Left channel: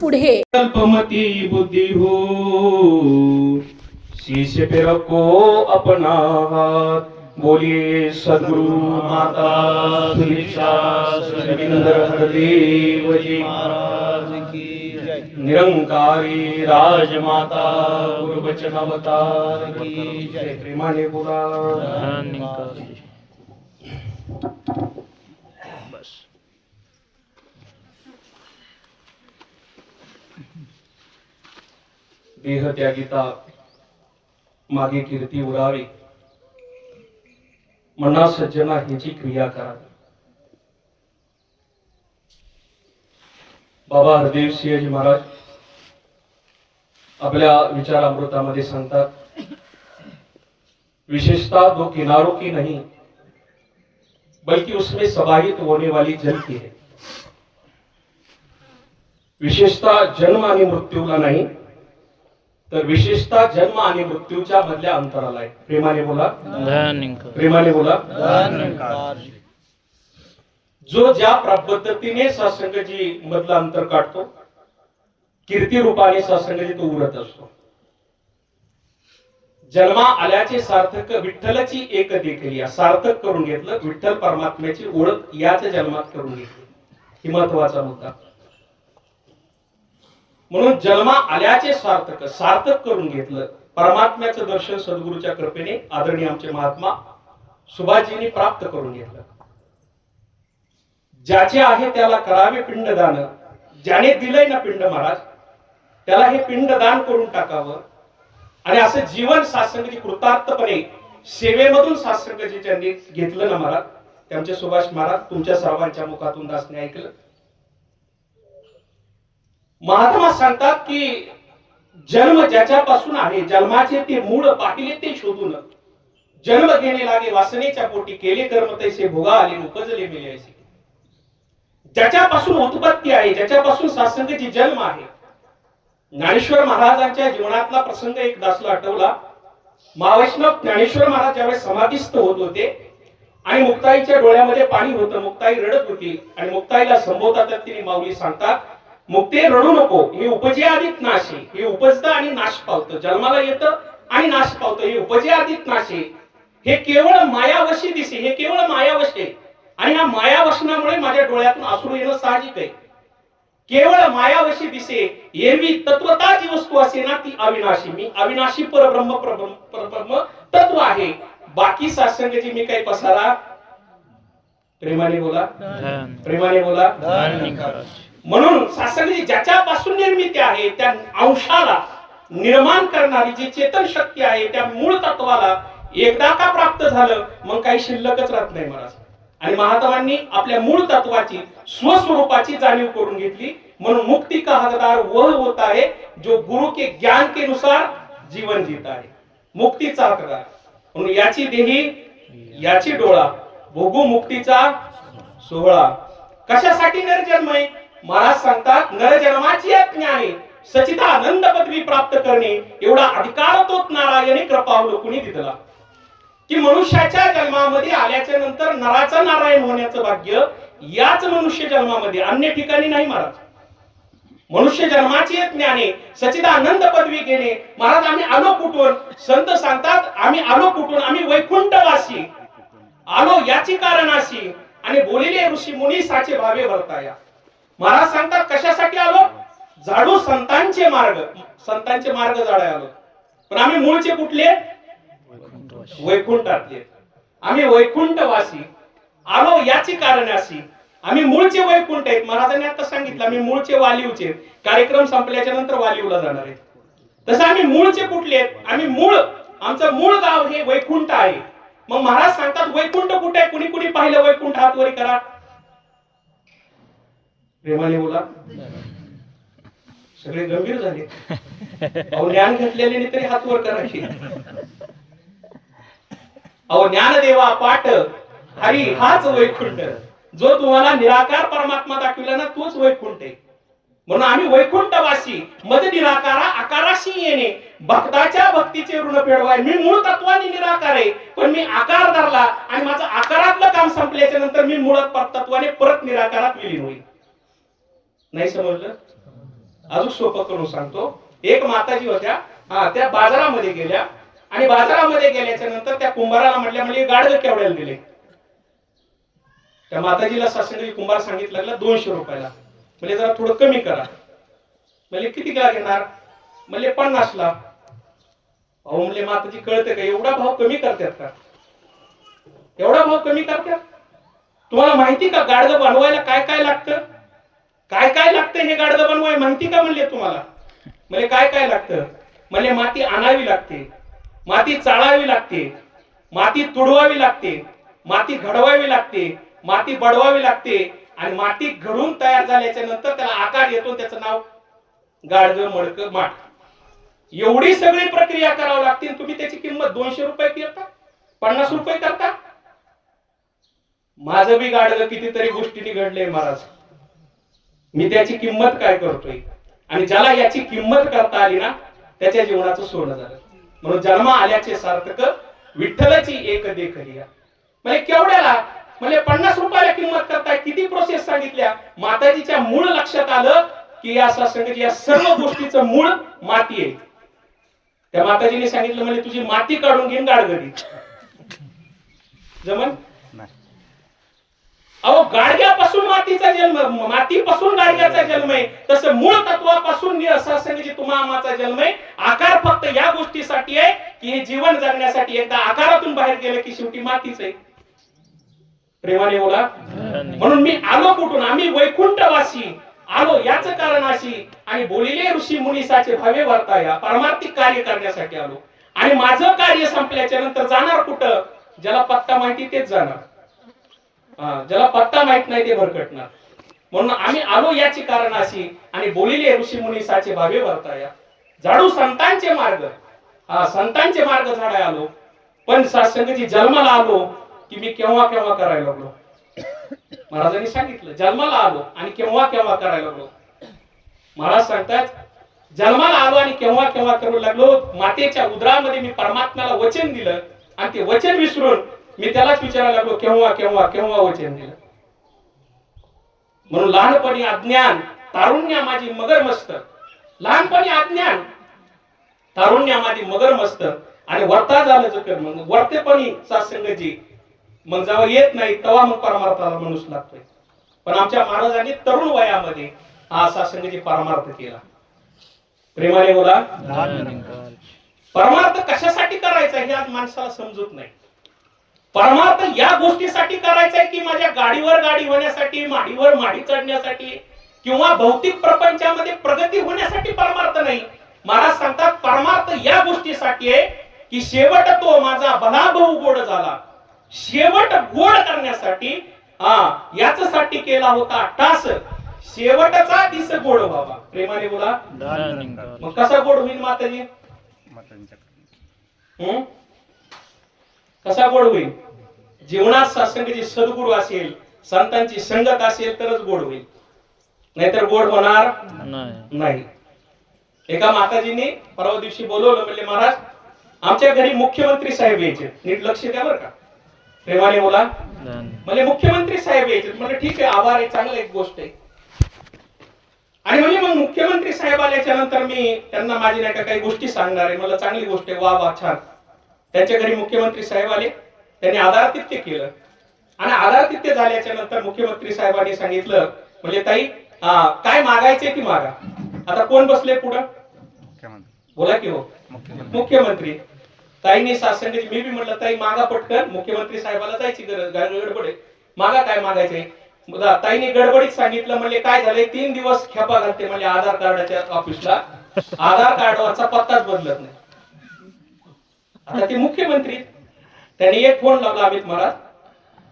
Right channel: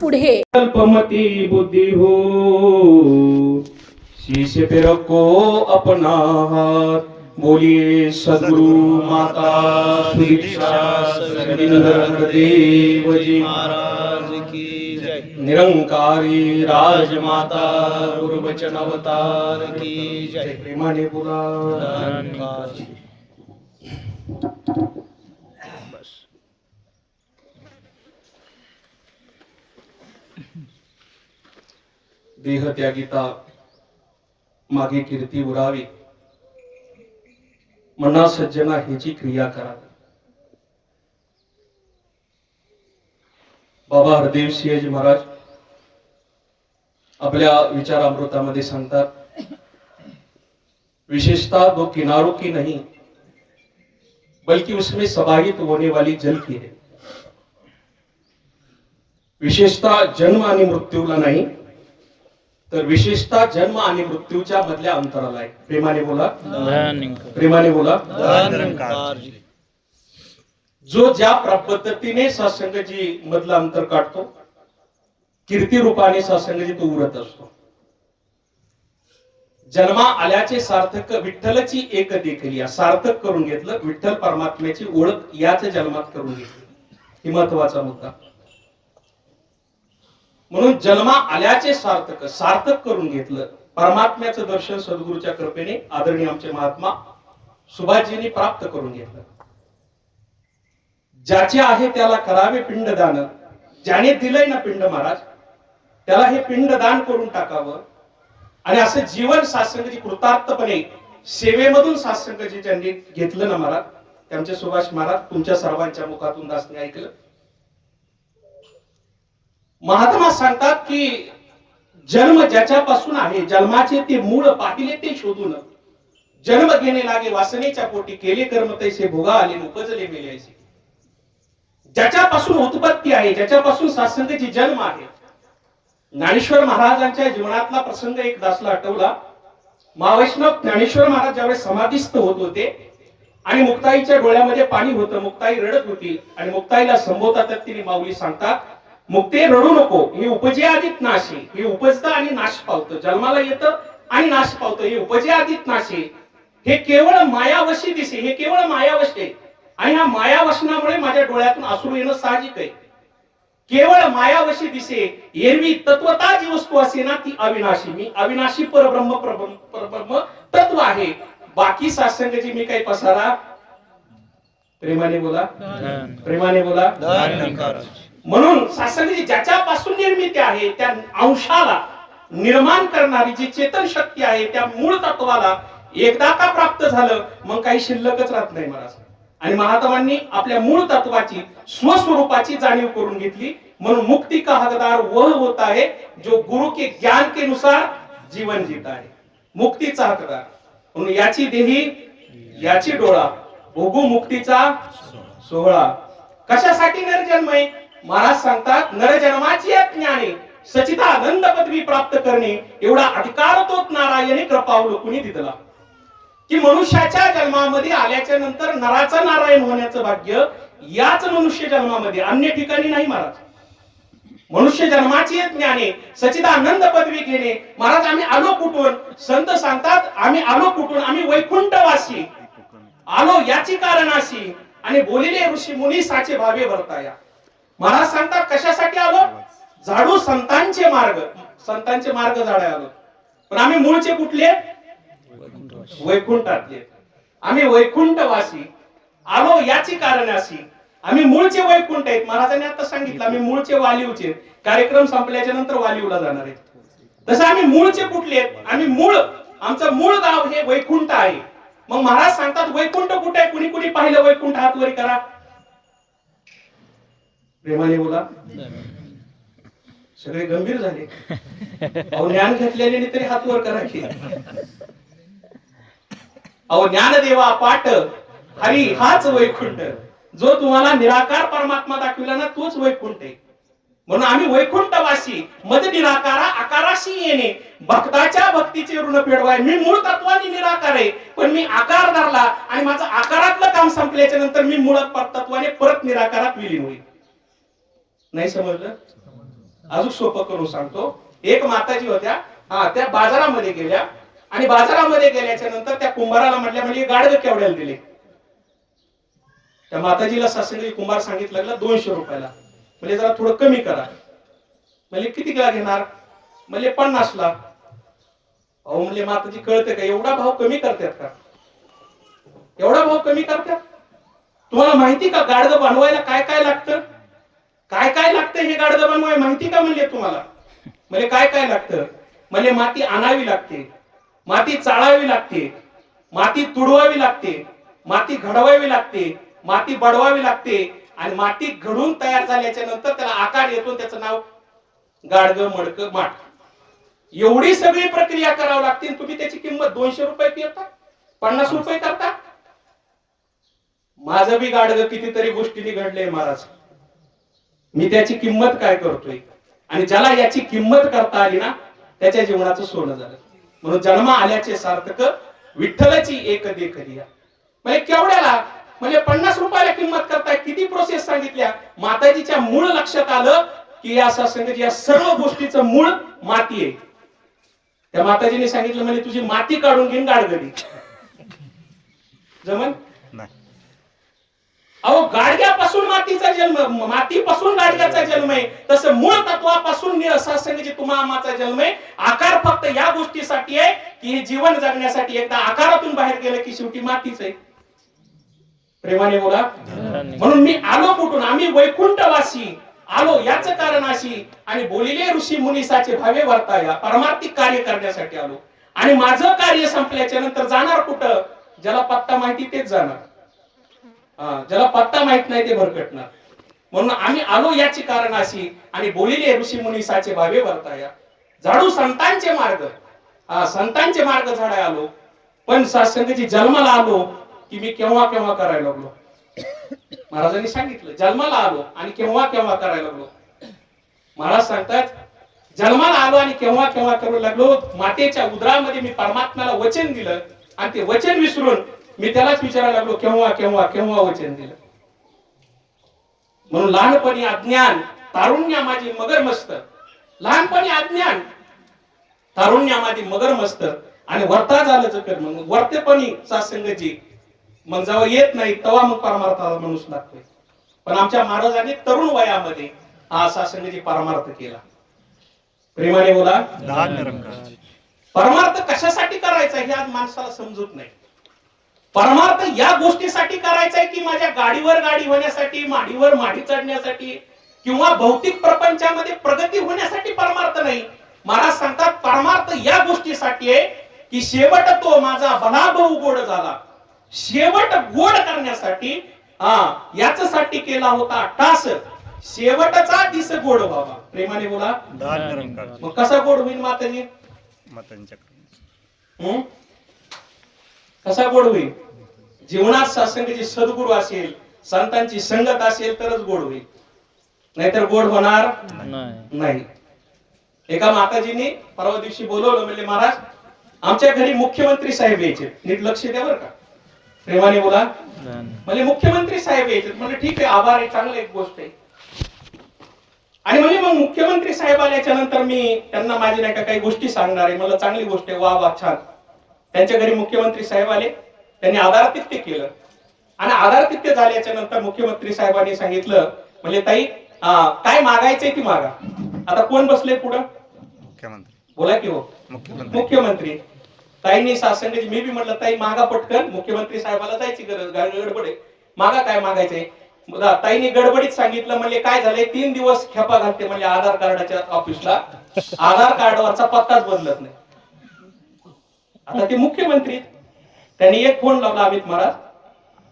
पुढे अल्पमती बुद्धि हो, शीश पे रखो अपना हाथ। बोलिए सद्गुरु माता सुदीक्षा सुरेंद्र हरदेव जी महाराज की जय। निरंकारी राजमाता गुरुवचन अवतार की जय। प्रेमाने बोला बस देह त्यागिता मागे कीर्ती उरावी, मना सज्जना ह्याची क्रिया करा। बाबा हरदेव सिंहजी महाराज आपल्या विचारामृतामध्ये सांगतात, विशेषता दो किनारों की नहीं बल्कि उसमें समाहित होने वाली जल की है। विशेषता जन्म आणि मृत्यूला नाही, तर विशेषता जन्म आणि मृत्यूच्या मधल्या अंतराला आहे। प्रेमाने बोला प्रेमाने बोला। जो ज्या पद्धतीने सत्संगजी मधला अंतर काढतो, कीर्ती रूपाने सत्संगजी तो उरत असतो। जन्मा आल्याचे सार्थक विठ्ठलची एक देखील सार्थक करून घेतलं, विठ्ठल परमात्म्याची ओळख याच जन्मात करून घेतली। ही महत्वाचा मुद्दा। म्हणून जन्मा आल्याचे सार्थक सार्थक करून घेतलं, परमात्म्याचं दर्शन सद्गुरूच्या कृपेने आदरणीय आमचे महात्मा सुभाषजींनी प्राप्त करून घेतलं। ज्याचे आहे त्याला करावे पिंडदान, ज्याने दिलंय ना पिंड महाराज त्याला हे पिंडदान करून टाकावं। आणि असं जीवन सत्संगजी कृतार्थपणे सेवेमधून सत्संगजी ज्यांनी घेतलं ना महाराज, त्यांचे सुभाष महाराज तुमच्या सर्वांच्या मुखातून दासने ऐकलं। महात्मा सांगतात की जन्म ज्याच्यापासून आहे, जन्माचे ते मूळ पाहिले ते शोधून, जन्म घेणे लागे वासनेच्या पोटी, केले कर्म तैसे भोगा आले उपजले मेले ऐसे। ज्याच्यापासून उत्पत्ती आहे, ज्याच्यापासून सत्संगची जन्म आहे। ज्ञानेश्वर महाराजांच्या जीवनातला प्रसंग एक दासला आठवला। महावैष्णव ज्ञानेश्वर महाराज ज्यावेळेस समाधीस्थ होत होते आणि मुक्ताईच्या डोळ्यामध्ये पाणी होतं, मुक्ताई रडत होती आणि मुक्ताईला संबोधतात तिने माऊली सांगतात, मुक्ते रडू नको, हे उपजे आदित नाशे। हे उपजतं आणि नाश पावतं, जन्माला येतं आणि नाश पावतं, हे उपजे आदित नाशे। हे केवळ मायावशी दिसे, हे केवळ मायावशे। आणि ह्या मायावशनामुळे माझ्या डोळ्यातून अश्रू येणं साहजिक आहे। केवळ मायावशी दिसे, एरवी तत्वता जी वस्तू असे ना ती अविनाशी। मी अविनाशी परब्रह्म तत्व आहे, बाकी सत्संगाची मी काही पसारा। प्रेमाने बोला प्रेमाने बोला। म्हणून सत्संगाची ज्याच्यापासून निर्मिती आहे त्या अंशाला निर्माण करणारी जी चेतन शक्ती आहे, त्या मूळ तत्वाला एकदा का प्राप्त झालं मग काही शिल्लकच राहत नाही महाराज। आणि महात्मांनी आपल्या मूळ तत्वाची स्वस्वरूपाची जाणीव करून घेतली। म्हणून मुक्ति का हकदार वह होता है जो गुरु के ज्ञान के अनुसार जीवन जीता है। मुक्तीचा हकदार म्हणून याची देही याची डोळा, भोगू मुक्तीचा सोहळा। कशासाठी नरजन्म आहे महाराज सांगतात, नरजन्माची ज्ञाने सचिदानंद पदवी प्राप्त करणे एवढा अधिकार तोच नारायणी कृपावलोकनी दिला। की मनुष्याच्या जन्मामध्ये आल्याच्या नंतर नराचं नारायण होण्याचं भाग्य याच मनुष्य जन्मामध्ये, अन्य ठिकाणी नाही महाराज। मनुष्य जन्माची ज्ञाने सचिदानंद पदवी घेणे। महाराज आम्ही आलो कुठून? संत सांगतात आम्ही आलो कुठून? आम्ही वैकुंठवासी आलो याची कारणाशी, आणि बोलिले ऋषी मुनी साचे भावे भरताया। महाराज सांगतात कशासाठी आलो? झाडू संतांचे मार्ग, संतांचे मार्ग झाडाय आलो। पण आम्ही मूळचे कुठले? वैकुंठातले। आम्ही वैकुंठवासी आलो याची कारणाशी, आम्ही मूळचे वैकुंठ आहेत। महाराजांनी आता सांगितलं आम्ही मूळचे वालीवचे, कार्यक्रम संपल्याच्या नंतर वालीवला जाणार आहे। तसं आम्ही मूळचे कुठले आहेत? आम्ही मूळ, आमचं मूळ गाव हे वैकुंठ आहे। मग महाराज सांगतात वैकुंठ कुठे आहे? कुणी कुणी पाहिलं वैकुंठ? हात वर करा, प्रेमाने बोला। सगळे गंभीर झाले, अहो ज्ञान घेतलेले तरी हात वर करायचे। अहो ज्ञानदेवा पाठ हरी हाच वैकुंठ, जो तुम्हाला निराकार परमात्मा दाखविला ना तोच वैकुंठ आहे। म्हणून आम्ही वैकुंठवासी, मद निराकारा आकाराशी येणे, भक्ताच्या भक्तीचे ऋण फेडवाय। मी मूळ तत्वाने निराकार आहे, पण मी आकार धरला आणि माझं आकारातलं काम संपल्याच्या नंतर मी मूळ तत्वाने परत निराकारात विलीन होईल। नाही समजलं? अजून सोपं करून सांगतो. एक माताजी होत्या, त्या बाजारामध्ये गेल्या आणि बाजारामध्ये गेल्याच्या नंतर त्या कुंभाराला म्हटल्या, म्हणजे गाडगं केवढ्याला दिले? त्या माताजीला सासंगी कुंभार सांगितलं लागला 200 रुपयाला. म्हणजे जरा थोडं कमी करा. म्हणजे किती ला घेणार? म्हणजे 50 ला. अहो म्हणजे माताजी कळते का एवढा भाव कमी करतात का? एवढा भाव कमी करतात? तुम्हाला माहिती का गाडगं बनवायला काय काय लागतं? काय काय लागतं हे गाडगं बनवाय माहिती का म्हणले तुम्हाला? म्हणजे काय काय लागतं? म्हणजे माती आणावी लागते, माती चाळावी लागते, माती तुडवावी लागते, माती घडवावी लागते, माती बडवावी लागते आणि माती घडून तयार झाल्याच्या नंतर त्याला आकार येतो, त्याचं नाव गाडगं, मडकं, माठ. एवढी सगळी प्रक्रिया करावी लागते. तुम्ही त्याची किंमत 200 रुपये करता, 50 रुपये करता. माझं बी गाडगं कितीतरी गोष्टींनी घडलंय महाराज. मी त्याची किंमत काय करतोय आणि ज्याला याची किंमत करता आली ना त्याच्या जीवनाचं सोनं झालं. म्हणून जन्म आल्याचे सार्थक विठ्ठलाची एक देखरिया. म्हणजे केवढ्याला? म्हणजे 50 रुपयाला किंमत करताय. किती प्रोसेस सांगितल्या. माताजीच्या मूळ लक्षात आलं की या सत्संगाची या सर्व गोष्टीचं मूळ माती आहे. त्या माताजीने सांगितलं म्हणजे तुझी माती काढून घेईन गाडगरी जमन. अहो गाडग्यापासून मातीचा जन्म, मातीपासून गाडग्याचा जन्म आहे. तसं मूळ तत्वापासून सत्संगाची तुम्हा आम्हाचा जन्म आहे. आकार फक्त या गोष्टीसाठी आहे की हे जीवन जगण्यासाठी. एकदा आकारातून बाहेर गेलं की शेवटी मातीच आहे. प्रेमाने बोला. म्हणून मी आलो कुठून? आम्ही वैकुंठवासी आलो याच कारण अशी आणि बोलिले ऋषी मुनीसाचे भावे वर्ताया. परमार्थिक कार्य करण्यासाठी आलो आणि माझं कार्य संपल्याच्या नंतर जाणार कुठं? ज्याला पत्ता माहिती तेच जाणार, ज्याला पत्ता माहित नाही ते भरकटणार. म्हणून आम्ही आलो याची कारण अशी आणि बोलिले ऋषी मुनीसाचे भावे वर्ताया. झाडू संतांचे मार्ग, संतांचे मार्ग झाडाय आलो. पण सत्संगाची जन्माला आलो की मी केव्हा केव्हा करायला लागलो. महाराजांनी सांगितलं जन्माला आलो आणि केव्हा केव्हा करायला लागलो. महाराज सांगतात जन्माला आलो आणि केव्हा केव्हा करू लागलो. मातेच्या उदरामध्ये मी परमात्म्याला वचन दिलं आणि ते वचन विसरून मी त्यालाच विचारायला लागलो केव्हा केव्हा केव्हा वचन दिलं. म्हणून लहानपणी अज्ञान, तारुण्या माझी मगर मस्त. लहानपणी अज्ञान, तारुण्या माझी मगर मस्त आणि वर्ता झालं चकर. मग वर्तेपणी सत्संगाची मग जेव्हा येत नाही तेव्हा मग परमार्थाला मनुष्य लागतोय. पण आमच्या महाराजांनी तरुण वयामध्ये हा सत्संगाची परमार्थ केला. प्रेमाने बोला. परमार्थ कशासाठी करायचा हे आज माणसाला समजत नाही. परमार्थ या गोष्टीसाठी करायचा आहे की माझ्या गाडीवर गाडी होण्यासाठी, माडीवर माडी चढण्यासाठी किंवा भौतिक प्रपंचामध्ये प्रगती होण्यासाठी परमार्थ नाही. महाराज सांगतात परमार्थ या गोष्टीसाठी आहे की शेवट तो माझा भलाभाऊ गोड झाला. शेवट गोड करण्यासाठी याच्यासाठी केला होता टास. शेवटचा दिस गोड व्हावा. प्रेमाने बोला. मग कसा गोड होईल माताजी? कसा गोड होईल? जीवनात सत्संगाची सद्गुरू असेल, संतांची संगत असेल तरच गोड होईल, नाहीतर गोड होणार नाही. एका माताजीने परवा दिवशी बोलवलं. म्हणजे महाराज आमच्या घरी मुख्यमंत्री साहेब यायचे, नीट लक्ष द्या बरं का. प्रेमाने बोला. म्हणजे मुख्यमंत्री साहेब यायचे. म्हणजे ठीक आहे, आभार आहे, चांगलं एक गोष्ट आहे. आणि म्हणजे मग मुख्यमंत्री साहेब आल्याच्या नंतर मी त्यांना माझी नाही का काही गोष्टी सांगणार आहे. मला चांगली गोष्ट आहे, वा वा छान. त्यांच्या घरी मुख्यमंत्री साहेब आले. त्यांनी आदरातिथ्य केलं आणि आदरातिथ्य झाल्याच्या नंतर मुख्यमंत्री साहेबांनी सांगितलं म्हणजे ताई काय मागायचंय ती मागा. आता कोण बसले पुढं? बोला की हो. मुख्यमंत्री. ताईंनी सांगितलं. मी बी म्हटलं ताई मागा पटकन, मुख्यमंत्री साहेबाला जायची गडबड आहे, मागा काय मागायचंय. ताईंनी गडबडीत सांगितलं. म्हणजे काय झालंय 3 दिवस खेपा घालते म्हणजे आधार कार्डाच्या ऑफिसला, आधार कार्डवरचा पत्ताच बदलत नाही. आता ते मुख्यमंत्री, त्यांनी एक फोन लावला अमित महाराज.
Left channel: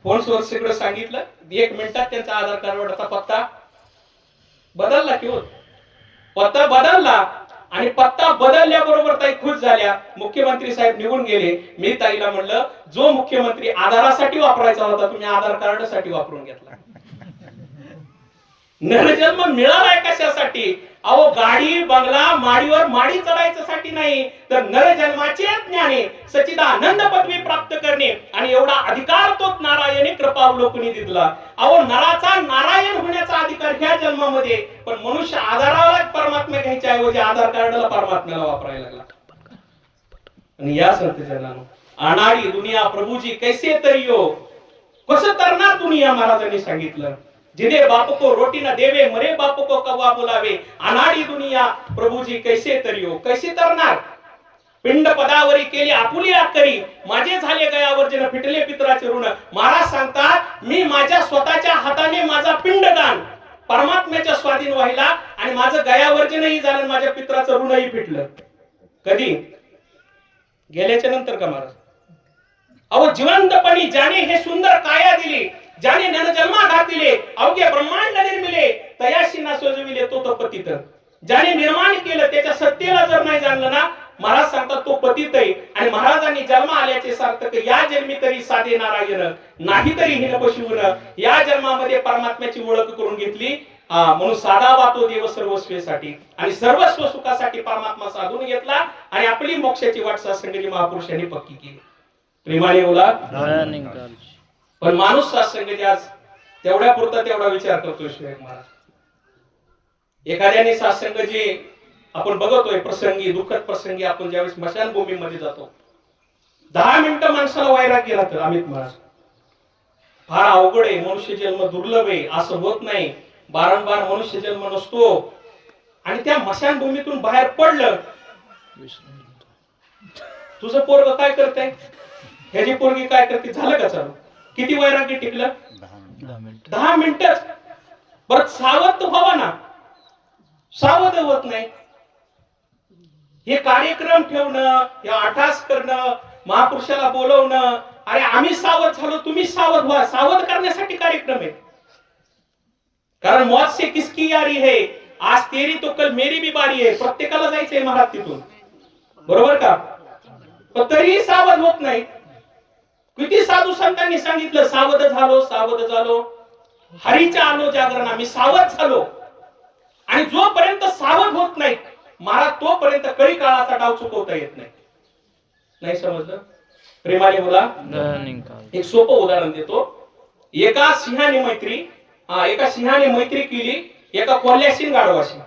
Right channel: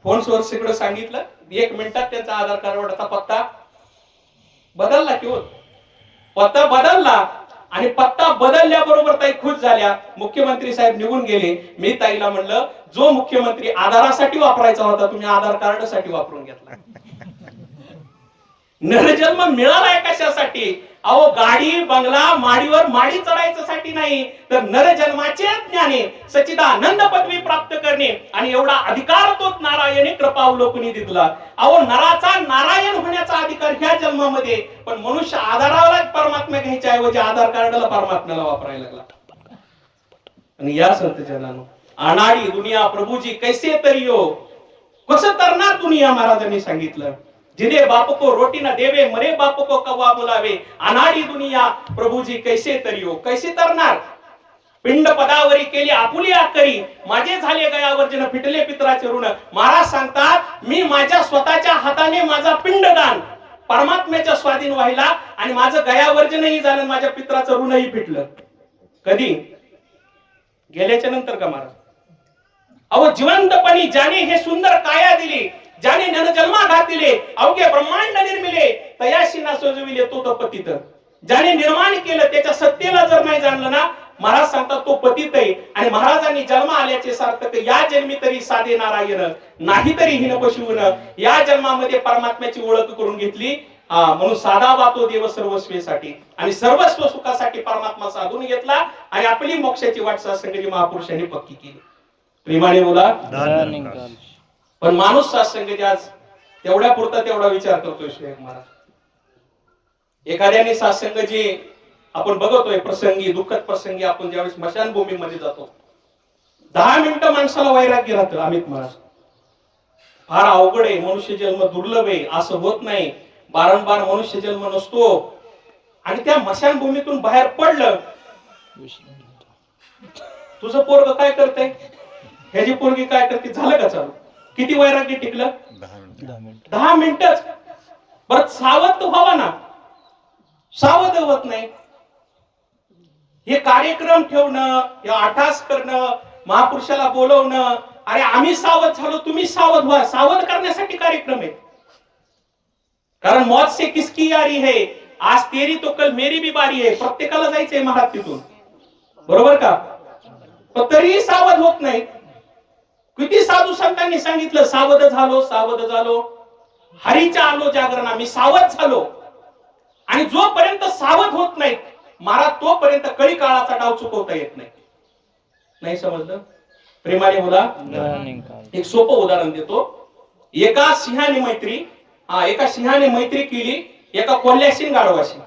फोन सोर्स सगळं सांगितलं. 1 मिनिटात त्यांचा आधार कार्डवरचा पत्ता बदलला. की पत्ता बदलला आणि पत्ता बदलल्याबरोबर ताई खुश झाल्या. मुख्यमंत्री साहेब निघून गेले. मी ताईला म्हणलं जो मुख्यमंत्री आधारासाठी वापरायचा होता तुम्ही आधार कार्ड साठी वापरून घेतला. नरजन्म मिळालाय कशासाठी? अहो गाडी बंगला माडीवर माडी चढायच्यासाठी नाही, तर नर जन्माचे ज्ञाने सच्चिदानंद पदवी प्राप्त करणे आणि एवढा अधिकार तो नारायणी कृपा अवलोकनी दिला. अहो नराचा नारायण होण्याचा अधिकार ह्या जन्मामध्ये, पण मनुष्य आधाराला परमात्मा घ्यायच्या ऐवजी आधार कार्डला परमात्म्याला वापरायला लागला. आणि या संत जनानो अनाडी दुनिया प्रभूजी कैसे तरियो, कसं तरणार दुनिया महाराजांनी सांगितलं. जिने बाप को रोटी न देवे मरे बाप को कवा बोलावे, अनाडी दुनिया प्रभूजी कैसे तरियो, कैसे तरणार. पिंड पदावरी केली आपुली आकरी, माझे झाले गयावर जन फिटले पितराचे ऋण. महाराज सांगतात मी माझ्या स्वतःच्या हाताने माझा पिंडदान परमात्म्याच्या स्वाधीन व्हायला आणि माझं गयावर्जनही झालं, माझ्या पितराचं ऋणही फिटलं. कधी गेल्याच्या नंतर का महाराज. अहो जिवंतपणी ज्याने हे सुंदर काया दिली, ज्याने जन्मा घातिले, अवघे ब्रह्मांड निर्मिले, तयाशी ना सजविले तो पतित. ज्याने निर्माण केलं त्याच्या सत्तेला जर नाही जाणलं ना, महाराज सांगतात तो पतित आहे. आणि महाराजांनी जन्म आल्याचे सार्थक, या जन्मी तरी साधे नारायण, नाही तरी हिन पशुन. या जन्मामध्ये परमात्म्याची ओळख करून घेतली, म्हणून साधावा तो देव सर्वस्वेसाठी आणि सर्वस्व सुखासाठी परमात्मा साधून घेतला आणि आपली मोक्षाची वाट सत्संगाची महापुरुषांनी पक्की केली. प्रेमाने बोला. पण माणूस सत्संगाची आज तेवढ्या पुरता तेवढा विचार करतोय. शेख महाराज एखाद्याने सत्संगाची आपण बघतोय प्रसंगी, दुःखद प्रसंगी आपण ज्यावेळेस स्मशानभूमीमध्ये जातो, 10 मिनिटं माणसाला वैराग्य राहतं. अमित महाराज फार अवघड आहे, मनुष्य जन्म दुर्लभ आहे, असं होत नाही, वारंवार मनुष्य जन्म नसतो. आणि त्या स्मशानभूमीतून बाहेर पडलं, तुझं पोरग काय करतंय, ह्याची पोरगी काय करते, झालं का चालू. किती वैराग्य टिकलं, 10 मिनिटच. परत सावध व्हावा ना, सावध होत नाही. हे कार्यक्रम ठेवणं, हे अटास करणं, महापुरुषाला बोलवणं, अरे आम्ही सावध झालो तुम्ही सावध व्हा, सावध करण्यासाठी कार्यक्रम आहे. कारण मौत से किसकी यारी है, आज तेरी तो कल मेरी भी बारी है. प्रत्येकाला जायचंय महाराज तिथून, बरोबर का. पण तरीही सावध होत नाही. किती साधू संतांनी सांगितलं सावध झालो, सावध झालो, हरीच्या आलो जागरण, आम्ही सावध झालो. आणि जोपर्यंत सावध होत नाही महाराज, तोपर्यंत कळी काळाचा डाव चुकवता येत नाही. नाही समजलं. प्रेमाने बोला. एक सोपं उदाहरण देतो. एका सिंहाने मैत्री केली एका कोल्ह्याशीन गाढवाशी.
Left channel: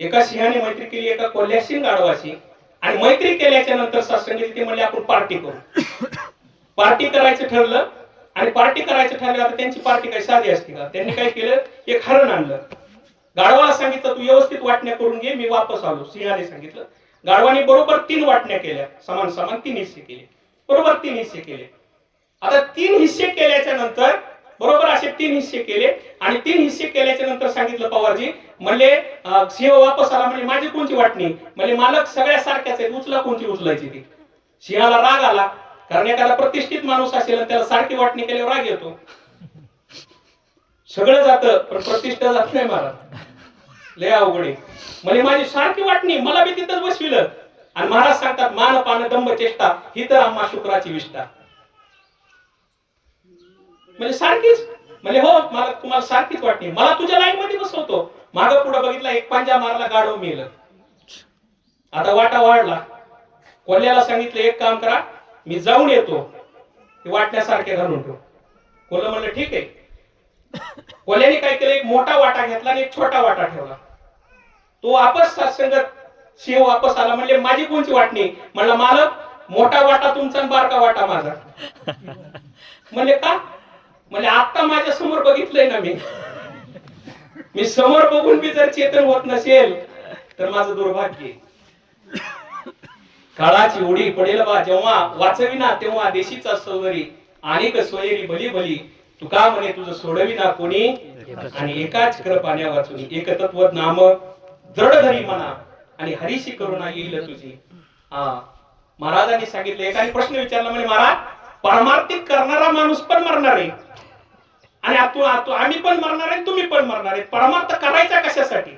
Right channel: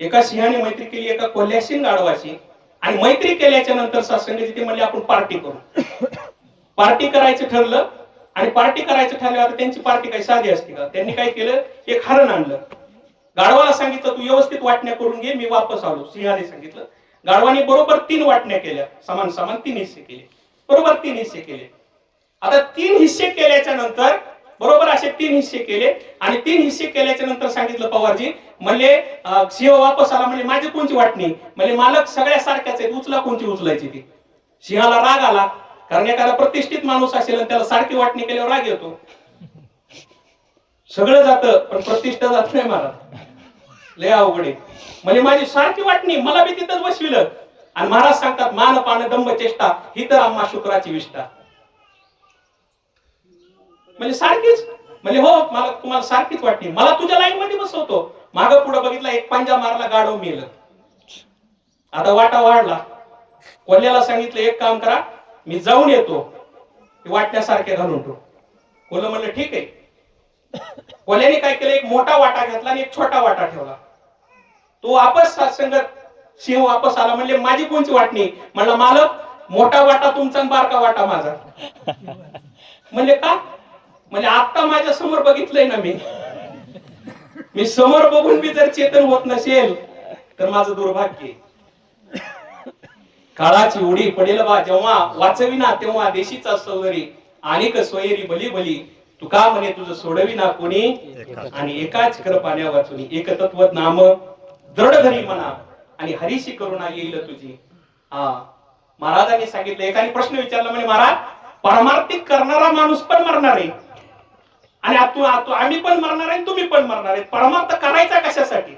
एका सिंहाने मैत्री केली एका कोल्ह्याशीन गाढवाशी. आणि मैत्री केल्याच्या नंतर सत्संगाची ते म्हणले आपण पार्टी करू. पार्टी करायचं ठरलं. आणि पार्टी करायचं ठरलं, आता त्यांची पार्टी काही साधी असते का. त्यांनी काय केलं, एक हरण आणलं. गाढवाला सांगितलं तू व्यवस्थित वाटण्या करून घे, मी वापस आलो. सिंहाने सांगितलं. गाढवाने बरोबर 3 वाटण्या केल्या, समान समान 3 हिस्से केले, बरोबर 3 हिस्से केले. आता 3 हिस्से केल्याच्या नंतर बरोबर असे 3 हिस्से केले. आणि 3 हिस्से केल्याच्या नंतर सांगितलं पवारजी म्हणले, सिंह वापस आला, म्हणजे माझी कोणची वाटणी, म्हणजे मालक सगळ्या सारख्याच आहेत, उचला कोणची उचलायची ती. सिंहाला राग आला, कारण एखादा प्रतिष्ठित माणूस असेल त्याला सारखी वाटणी केल्यावर राग येतो. सगळं जातं पण प्रतिष्ठा जात नाही महाराज, लय अवघड आहे. म्हणजे माझी सारखी वाटणी, मला बी तिथंच बसविलं. आणि महाराज सांगतात मान पान दंभ चेष्टा ही तर आम्हा शुक्राची विष्ठा. म्हणजे सारखीच, म्हणजे हो मला तुम्हाला सारखीच वाटणी, मला तुझ्या लाईन मध्ये बसवतो. मागं पुढे बघितला, एक पंजा मारला, गाढव मेलं. आता वाटा वाढला. कोल्ह्याला सांगितलं एक काम करा, मी जाऊन येतो, वाटण्यासारखे घालून ठेव. कोल्हा म्हणलं ठीक आहे. कोल्ह्याने काय केलं, एक मोठा वाटा घेतला आणि एक छोटा वाटा ठेवला. तो वापस सत्संगात सिंह वापस आला, म्हणले माझी कोणची वाटणी, म्हणला मालक मोठा वाटा तुमचा, बारका वाटा माझा. म्हणजे का, म्हणजे आता माझ्या समोर बघितलंय ना मी समोर बघून मी जर चेतन होत नसेल तर माझं दुर्भाग्य. काळाची उडी पडेल बा जेव्हा, वाचविना तेव्हा देशीचा सौंदर्य, अनेक सोयरी भली भली, तुका म्हणे तुझं सोडविना कोणी, आणि एकाच कर पाण्या वाचून, एक तत्व नाम दृढ धरी म्हणा, आणि हरीशी करुणा येईल तुझी. महाराजांनी सांगितलं, एकाने प्रश्न विचारला, म्हणे महाराज परमार्थिक करणारा माणूस पण मरणार आहे आणि आम्ही पण मरणार आहे, तुम्ही पण मरणार आहे, परमार्थ करायचा कशासाठी.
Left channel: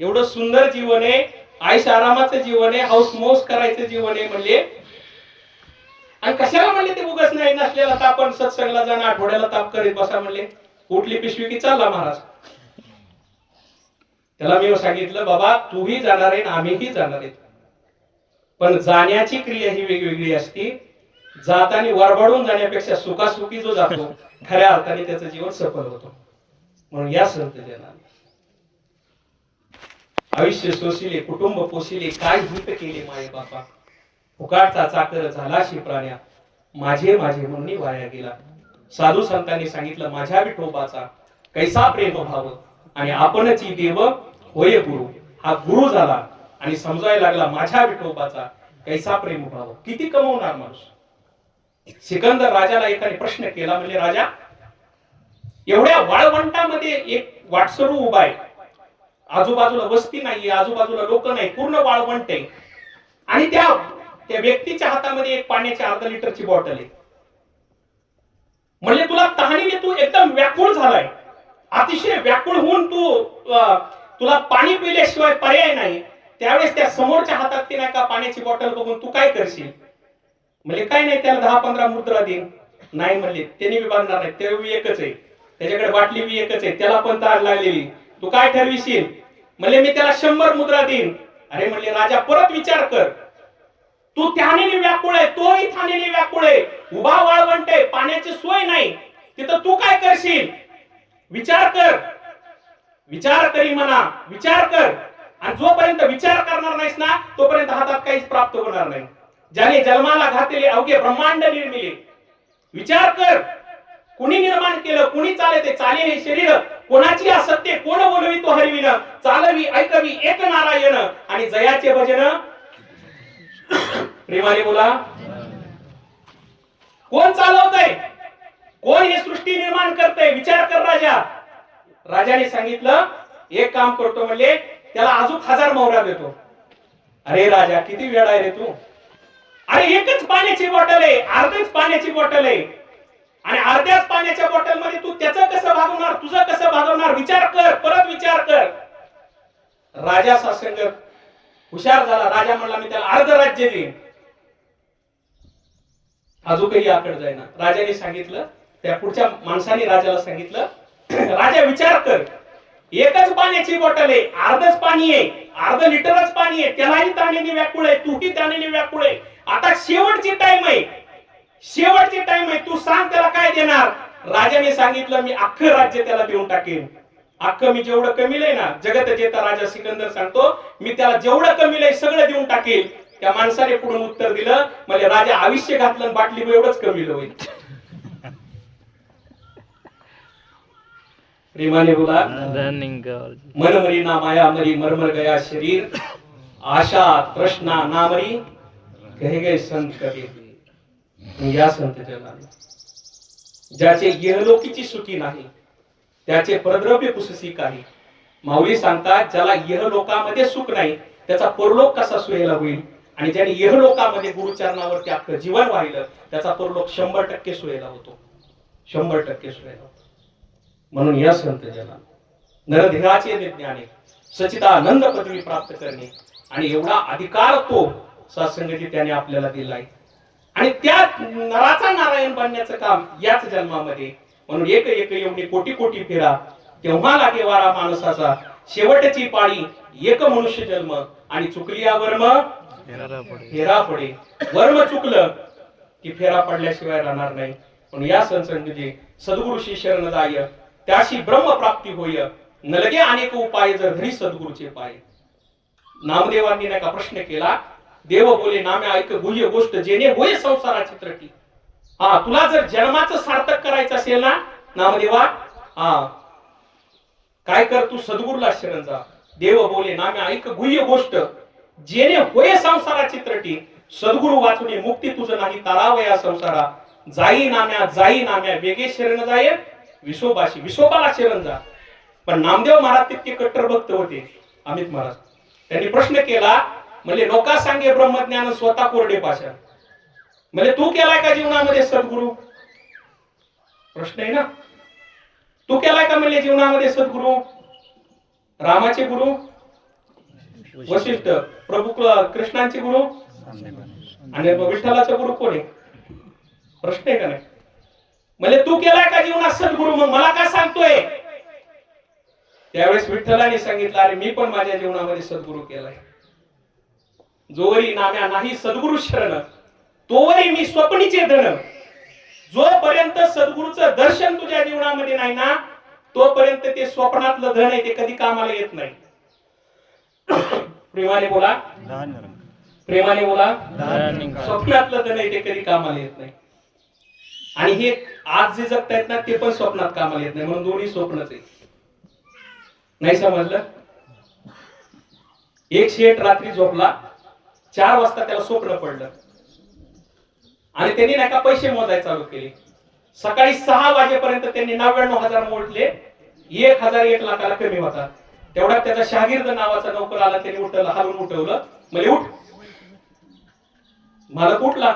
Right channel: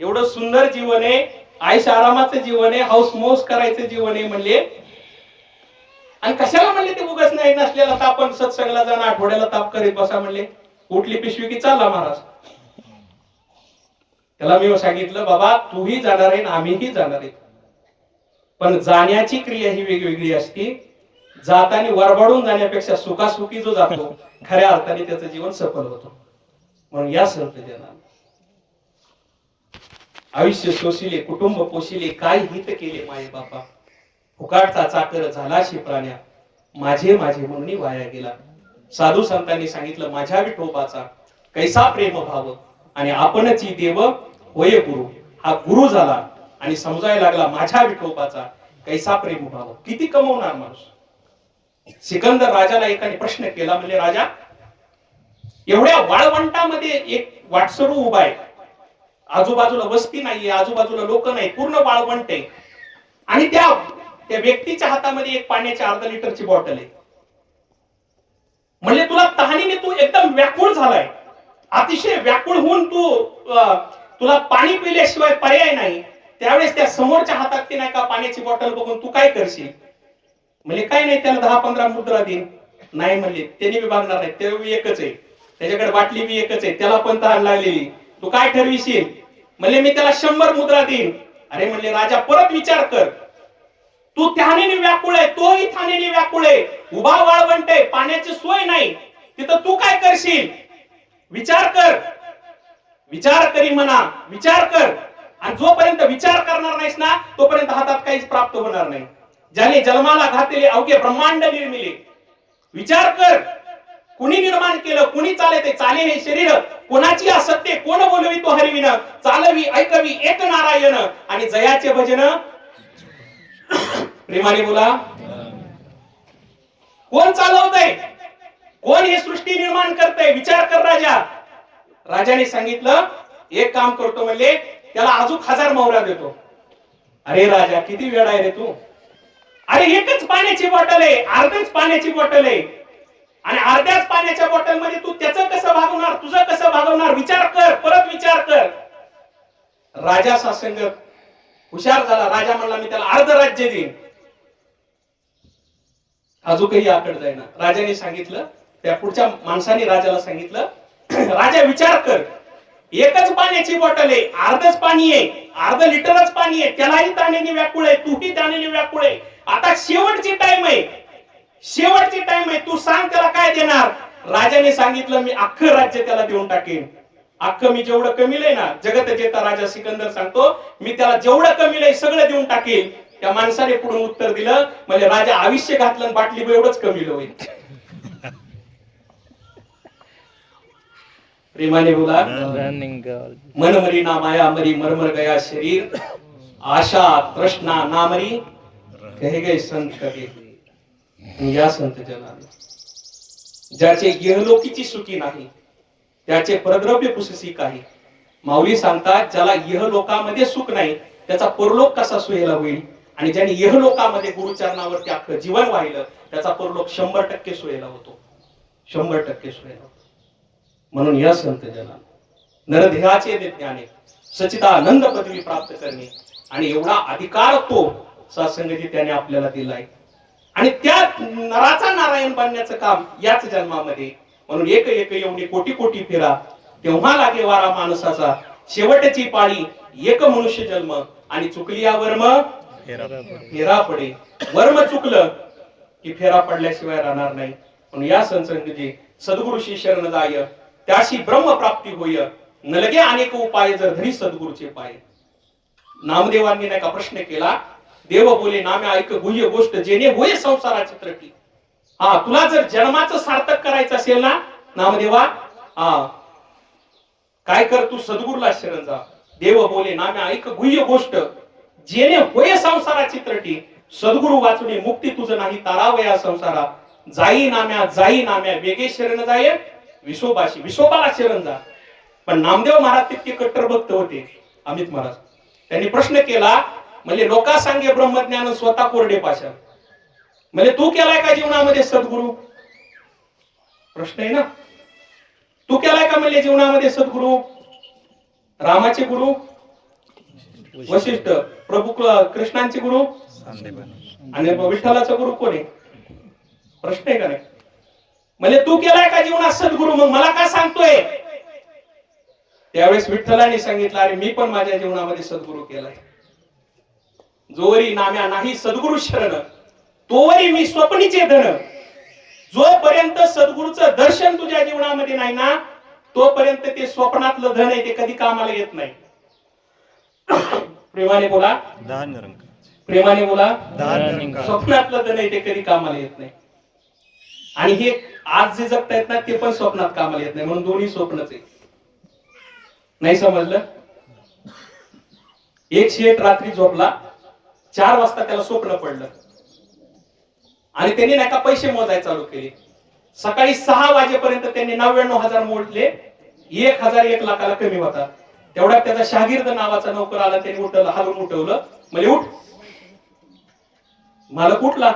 एवढं सुंदर जीवन आहे, आयुष आरामाचं जीवन आहे, हौस मौस करायचं जीवन आहे म्हणले. आणि कशाला म्हणले ते उगाच नाही नसलेला ताप, पण सत्संगला जाणं, आठवड्याला ताप करीत बसा म्हणले. उठली पिशवी की चालला महाराज. त्याला मी सांगितलं, बाबा तूही जाणार आहे ना आम्हीही जाणार आहे, पण जाण्याची क्रिया ही वेगवेगळी असते. जाताना वरबडून जाण्यापेक्षा सुखासुखी जो जातो खऱ्या अर्थाने त्याचं जीवन सफल होतो. म्हणून या संत जनाला आयुष्य सोसिले, कुटुंब पोसिले, काय हित केले माये बापा, फुकाटचा चाकर झाला शिप्राण्या, माझे माझे म्हणून वाया गेला. साधू संतांनी सांगितलं, माझ्या विठोबाचा कैसा प्रेम भाव आणि आपणच देव होय गुरु. हा गुरु झाला आणि समजायला लागला माझ्या विठोबाचा कैसा प्रेम भाव. किती कमवणार माणूस. सिकंदर राजाला एकाने प्रश्न केला, म्हणजे राजा, एवढ्या वाळवंटामध्ये एक वाटसरू उभा आहे, आजूबाजूला वस्ती नाहीये, आजूबाजूला लोक नाही, पूर्ण वाळवंट आहे, आणि त्या व्यक्तीच्या हातामध्ये एक पाण्याची अर्धा लिटरची बॉटल आहे. म्हणजे तुला तहानीने तू एकदम व्याकुळ झालाय, अतिशय व्याकुळ होऊन तुला पाणी पिल्याशिवाय पर्याय नाही. त्यावेळेस त्या समोरच्या हातात ते नाही का पाण्याची बॉटल बघून तू काय करशील? म्हणजे काय नाही, त्याला 10-15 मुद्रा देईन. नाही म्हणले, त्याने विभागणार नाही, ते एकच आहे, त्याच्याकडे बाटली बी एकच आहे, त्याला पण तहान लागलेली, तू काय ठरविशील? म्हणजे मी त्याला 100 मुद्रा देईन. अरे म्हणले, राजा परत विचार कर, तू तहानेने व्याकुळ आहे, तोही तहानेने व्याकुळ आहे, उभा वाळवंट आहे, पाण्याची सोय नाही, तिथं तू काय करशील? विचार कर. विचार करी म्हणा, विचार कर. आणि जोपर्यंत विचार करणार नाहीस ना, तोपर्यंत हातात काहीच प्राप्त होणार नाही. ज्याने जन्माला घातलेले अवघे ब्रह्मांड निर्मिले, विचार कर, कुणी निर्माण केलं, कुणी चालते, चाले हे शरीर, कोणाची असत्य, कोण बोलवी तो हरिविन, चालवी ऐकवी एक नारायण, आणि जयाचे भजन प्रेमाने बोला. कोण चालवतंय, कोण ही सृष्टी निर्माण करतंय? विचार कर राजा. राजाने सांगितलं, एक काम करतो, म्हणजे त्याला अजून 1000 मोहरा देतो. अरे राजा, किती वेळ आहे रे तू? अरे एकच पाण्याची बॉटल आहे, अर्धीच पाण्याची बॉटल आहे, आणि अर्ध्याच पाण्याच्या बॉटल मध्ये तू त्याचं कसं भागवणार, तुझं कसं भागवणार? विचार कर, परत विचार कर. राजा सासंग हुशार झाला. राजा म्हणला, मी त्याला अर्ध राज्य देईन. अजूनही आकड जाईना. राजाने सांगितलं, त्या पुढच्या माणसाने राजाला सांगितलं, राजा विचार कर, एकच पाण्याची बॉटल आहे, अर्धच पाणी आहे, अर्ध लिटरच पाणी आहे, त्यालाही तहानेने व्याकुळ आहे, तूही तहानेने व्याकुळ आहे. आता शेवटची टाइम आहे, शेवटची टाइम आहे, तू सांग त्याला काय देणार? राजाने सांगितलं, मी अख्खं राज्य त्याला देऊन टाकेन. अख्खं मी जेवढं कमीलंय ना, जगत जेता राजा सिकंदर सांगतो, मी त्याला जेवढं कमीलंय सगळं देऊन टाकेल. त्या माणसाने पुढून उत्तर दिलं, म्हणजे राजा आयुष्य घातलं बाटली एवढंच कमीलं होईल. प्रेमाने बोला. मन मरी ना माया मरी, मरमर गया शरीर, आशा तृष्णा नामरी, कहे गए संत कबीर. या संत जनाला, ज्याचे इहलोकीची सुखी नाही, त्याचे परद्रव्य पुससी काही. माऊली सांगतात, ज्याला इहलोकामध्ये सुख नाही, त्याचा परलोक कसा सोयीला होईल? आणि ज्याने इहलोकामध्ये गुरुचरणावरती अख्खं जीवन वाहिलं, त्याचा परलोक 100% सोयीला होतो, 100% सोयीला होतो. म्हणून या संत जनाला नरदेहाचे ज्ञाने सच्चिदानंद पदवी प्राप्त करणे, आणि एवढा अधिकार तो सत्संगाची त्याने आपल्याला दिलाय. आणि त्या नराचा नारायण बनण्याचं काम याच जन्मामध्ये. म्हणून एक एक एवढी कोटी कोटी फिरा, तेव्हा लागे वारा माणसाचा, शेवटची पाळी एक मनुष्य जन्म, आणि चुकली या वर्म फेरा पडे. वर्म चुकलं की फेरा पडल्याशिवाय राहणार नाही. म्हणून या सत्संगाची सद्गुरुशी शरण जाय, त्याशी ब्रह्म प्राप्ती होय, नलगे अनेक उपाय जर धरी सद्गुरूचे पाय. नामदेवांनी नाही का प्रश्न केला, देव बोले नामे ऐक गुह्य गोष्ट, जेणे होय संसाराची त्रटी. हा, तुला जर जन्माचं सार्थक करायचं असेल ना नामदेवा, हा काय कर, तू सद्गुरूला शरण जा. देव बोले नामे ऐक गुह्य गोष्ट, जेणे होय संसाराची त्रटी. सद्गुरू वाचून मुक्ती तुझं नाही, तारावया संसारा. जाई नाम्या वेगे शरण जाय, विसोबाशी विसोबाला शरण जा. पण नामदेव महाराज तितके कट्टर भक्त होते, अमित महाराज. त्यांनी प्रश्न केला, म्हणजे लोका सांगे ब्रह्मज्ञान, स्वतः कोरडे पाषाण. म्हणजे तू केलाय का जीवनामध्ये सद्गुरू? प्रश्न आहे ना. तू केलाय का म्हणजे जीवनामध्ये सद्गुरू? रामाचे गुरु वशिष्ठ, प्रभू कृष्णांचे गुरु, आणि विठ्ठलाचा गुरु कोण आहे? प्रश्न आहे का नाही? म्हणजे तू केलाय का जीवनात सद्गुरू? मग मला का सांगतोय? त्यावेळेस विठ्ठलाने सांगितलं, अरे मी पण माझ्या जीवनामध्ये सद्गुरू केलाय. जोवरी नाम्या नाही सद्गुरु शरण, तोवरी मी स्वप्नीचे धन. जोपर्यंत सद्गुरूचं दर्शन तुझ्या जीवनामध्ये नाही ना, तोपर्यंत ते स्वप्नातलं धन आहे ते कधी कामाला येत नाही. प्रेमाने बोला, प्रेमाने बोला. स्वप्नातलं धन आहे ते कधी कामाला येत नाही. आणि हे आज जे जगतायत ना ते पण स्वप्नात कामाला येत नाही. म्हणून दोन्ही स्वप्नच आहे. नाही समजलं? एक शेठ रात्री झोपला, 4 वाजता त्याला स्वप्न पडलं आणि त्यांनी नाही का पैसे मोजायला चालू केले. सकाळी 6 वाजेपर्यंत त्यांनी 99,000 मोजले. 1,000 1 लाखाला कमी होता. तेवढा त्याचा शागिर्द नावाचा नोकर आला. त्याने उठवलं, हलवून उठवलं. म्हणजे उठ. मला कुठला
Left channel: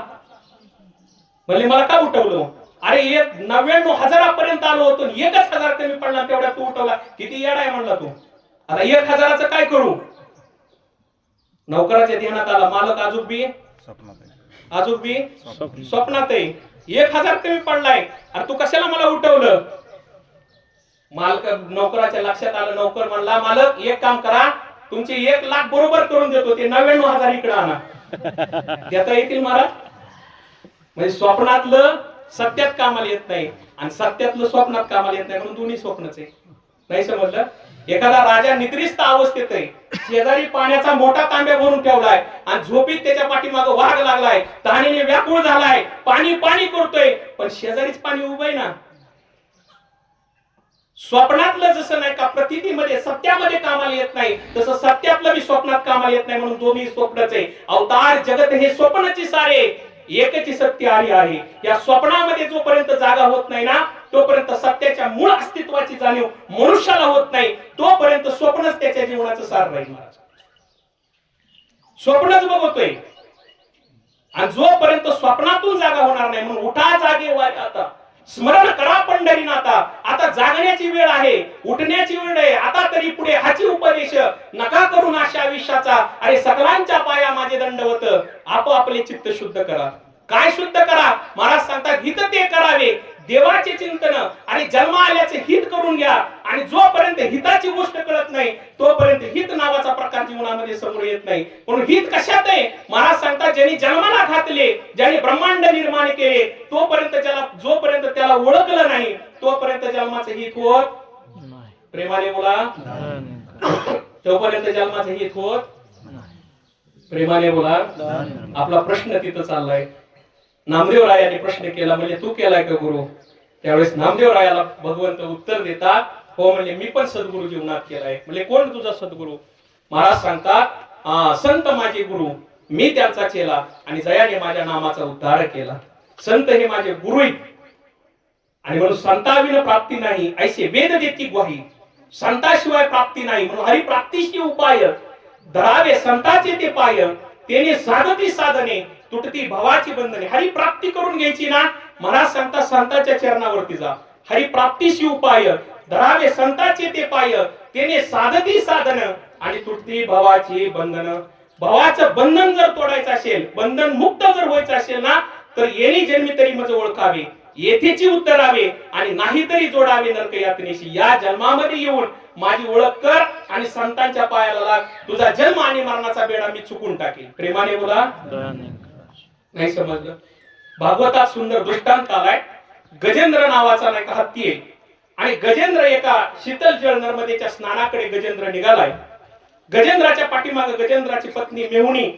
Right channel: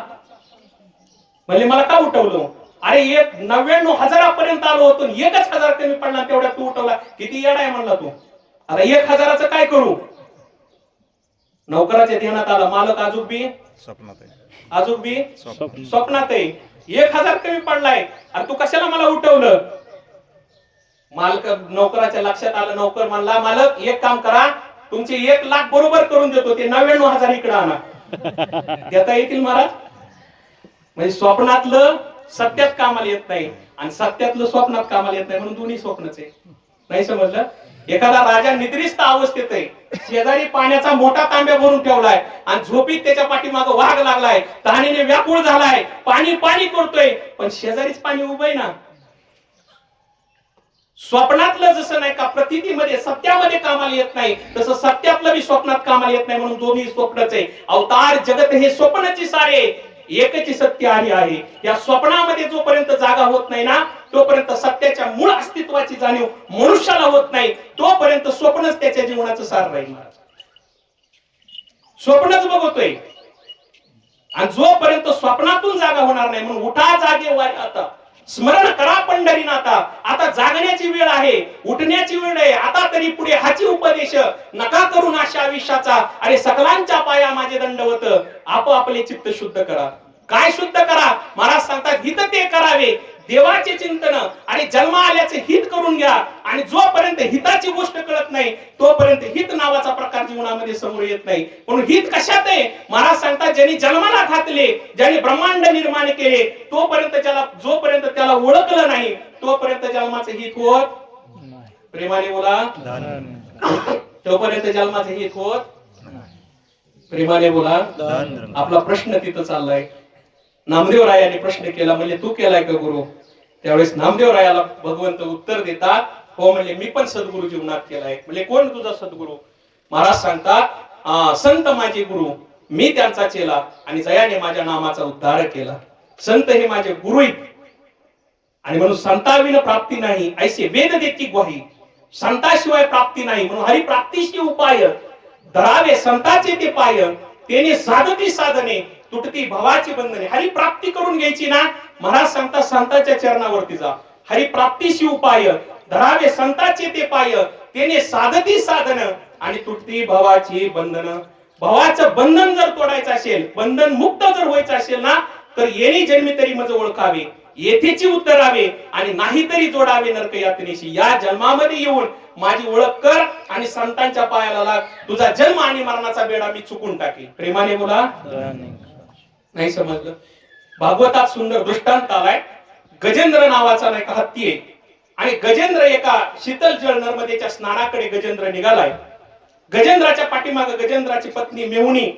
म्हणजे मला का उठवलं? अरे 99,000 पर्यंत आलो होतो, 1,000 कमी पडला, तेवढा तू उठवला. किती येडा आहे म्हणला तू. आता 1,000चं काय करू? नोकराच्या ध्यानात आला, मालक अजून बी स्वप्नात आहे. 1,000 कमी पडलाय, अरे तू कशाला मला उठवलं? मालक नोकराच्या लक्षात आलं. नोकर म्हणला, मालक एक काम करा, तुमचे 1 लाख बरोबर करून देतो, ते 99,000 इकडे आणा. देता येतील महाराज? म्हणजे स्वप्नातलं सत्यात कामाला येत नाही आणि सत्यातलं स्वप्नात कामाला येत नाही. म्हणून दोन्ही स्वप्नच आहे. नाही समजलं? एखादा राजा निद्रिस्त अवस्थेत आहे, शेजारी पाण्याचा मोठा तांब्या भरून ठेवलाय आणि झोपीत त्याच्या पाठीमागे वाघ लागलाय, तहानेने व्याकुळ झालाय, पाणी पाणी करतोय, पण शेजारीच पाणी उभं आहे ना. स्वप्नातलं जसं नाही का प्रतीतीमध्ये सत्यामध्ये कामाला येत नाही, तसं सत्यातलं बी स्वप्नात कामाला येत नाही. म्हणून दोन्ही स्वप्नच आहे. अवतार जगत हे स्वप्नची सारे, एकची सत्य हरी आहे. या स्वप्नामध्ये जोपर्यंत जागा होत नाही ना, तोपर्यंत सत्याच्या मूळ अस्तित्वाची जाणीव मनुष्याला होत नाही. तोपर्यंत स्वप्नच त्याच्या जीवनाचं सार राहील. स्वप्नच बघतोय आणि जोपर्यंत स्वप्नातून जागा होणार नाही. म्हणून उठा जागे वारे आता, स्मरण करा पंढरीनाथा. आता जागण्याची वेळ आहे, उठण्याची वेळ आहे. आता तरी पुढे हाची उपदेश, नका करू नाशा आयुष्याचा. अरे सकलांच्या पाया माझे दंडवत, आपापले चित्त शुद्ध करा. काय शुद्ध करा? महाराज सांगतात, हित ते करावे, देवाचे चिंतन आणि जन्म आल्याचे हित करून घ्या. आणि जोपर्यंत हिताची गोष्ट कळत नाही, तोपर्यंत हित नावाचा प्रकार जीवनामध्ये समोर येत नाही. म्हणून हित कशात आहे? महाराज सांगतात, ज्यांनी जन्माला घातले, ज्यांनी ब्रह्मांड निर्माण केले, जोपर्यंत त्याला ओळखलं नाही, तोपर्यंत जन्माचे हित होत नाही. प्रेमाने बोला, तोपर्यंत जन्माचे हित होत. प्रेमाने बोला. आपला प्रश्न तिथं चाललाय. नामदेव रायाने प्रश्न केला, म्हणजे तू केलाय का गुरु? त्यावेळेस नामदेव रायाला भगवंत उत्तर देतात, हो म्हणजे मी पण सद्गुरु जीवनात केलाय. म्हणजे कोण तुझा सद्गुरु? महाराज सांगतात, संत माझे गुरु, मी त्यांचा चेला आणि जयाने माझ्या नामाचा उद्धार केला. संत हे माझे गुरु आहेत आणि म्हणून संताविना प्राप्ती नाही, ऐसे वेद देती ग्वाही. संताशिवाय प्राप्ती नाही, म्हणून हरी प्राप्तीशी उपाय. धरावे संताचे ते पाय, तेने साधती साधने, तुटती भवाची बंधने. हरी प्राप्ती करून घ्यायची ना, महाराज सांगतात संतांच्या चरणावरती जा. हरी प्राप्तीशी उपाय, धरावे संताचे ते पाय, तेने साधती साधन आणि तुटती भवाची बंधन. भवाचं बंधन जर तोडायचं असेल, बंधन मुक्त जर व्हायचं असेल ना, तर येणी जन्मी तरी मज ओळखावे, येथेची उतरावे आणि नाहीतरी जोडावे नरक यातनेशी. या जन्मामध्ये येऊन माझी ओळख कर आणि संतांच्या पायाला लाग. तुझा जन्म आणि मरणाचा बेडा मी चुकून टाकेल. प्रेमाने बोला. नाही समजलं? भागवतात सुंदर दृष्टांत आलाय. गजेंद्र नावाचा नाही का हत्ती आहे आणि गजेंद्र एका शीतल जल नर्मदेच्या स्नानाकडे गजेंद्र निघालाय. गजेंद्राच्या पाठीमागे गजेंद्राची पत्नी मेहुणी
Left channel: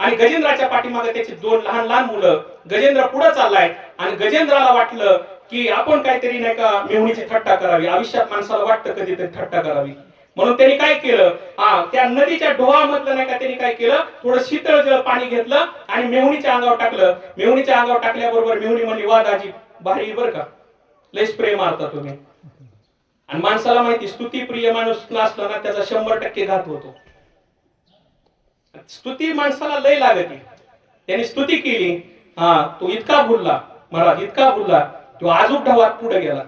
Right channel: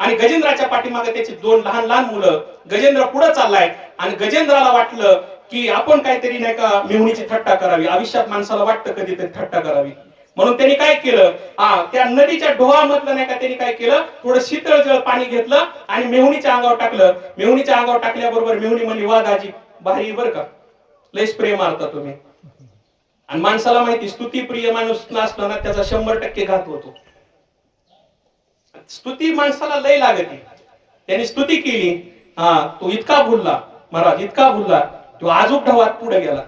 आणि गजेंद्राच्या पाठीमागे त्याची 2 लहान लहान मुलं. गजेंद्र पुढे चाललाय आणि गजेंद्राला वाटलं की आपण काहीतरी नाही का मेहुणीची थट्टा करावी. आयुष्यात माणसाला वाटतं कधीतरी थट्टा करावी. म्हणून त्यांनी काय केलं, त्या नदीच्या डोहामधलं नाही का त्यांनी काय केलं, थोडं शीतळ जल पाणी घेतलं आणि मेहुणीच्या अंगावर टाकलं. मेहुणीच्या अंगावर टाकल्याबरोबर मेहुणी म्हणली, वा दाजी भारी बर का, लय स्प्रे मारता तुम्ही. आणि माणसाला माहिती, स्तुतीप्रिय माणूस नसला ना त्याचा 100% घात होतो. स्तुती माणसाला लय लागते. त्यांनी स्तुती केली. तो इतका भुलला महाराज, इतका भुलला, तो आजूक ढवात पुढे गेला.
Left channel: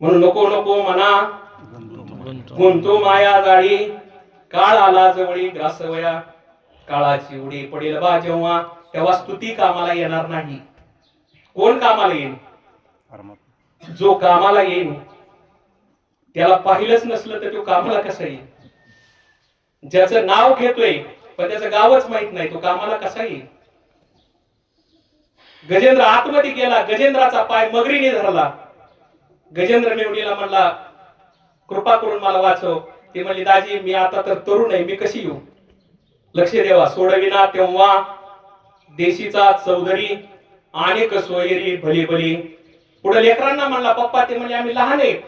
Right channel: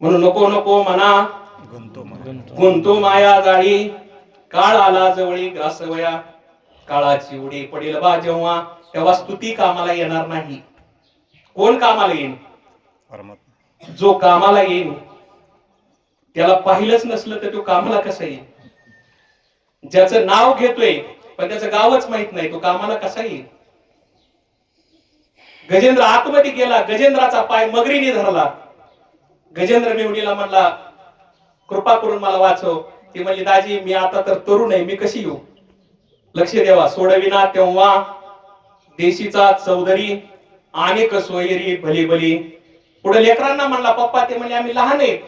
म्हणून नको नको म्हणा गुंतो माया जाळी, काळ आला जवळी ग्रासवया. काळाची उडी पडेल बा जेव्हा, तेव्हा स्तुती कामाला येणार नाही. कोण कामाला येईल? जो कामाला येईल त्याला पाहिलंच नसलं तर तो कामाला कसा येईल? ज्याचं नाव घेतोय पण त्याचं गावच माहित नाही, तो कामाला कसा येईल? गजेंद्र आतमध्ये गेला, गजेंद्राचा पाय मगरीने धरला. गजेंद्र मेवणीला म्हणला, कृपा करून मला वाचव. ती म्हणली, दाजी मी आता तर तरुण आहे, मी कशी येऊ? लक्ष द्यावा. सोडविना तेव्हा देशीचा चौधरी अनेक सोयरी भली भली. पुढे लेकरांना म्हणला, पप्पा ते म्हणजे आम्ही लहान आहे.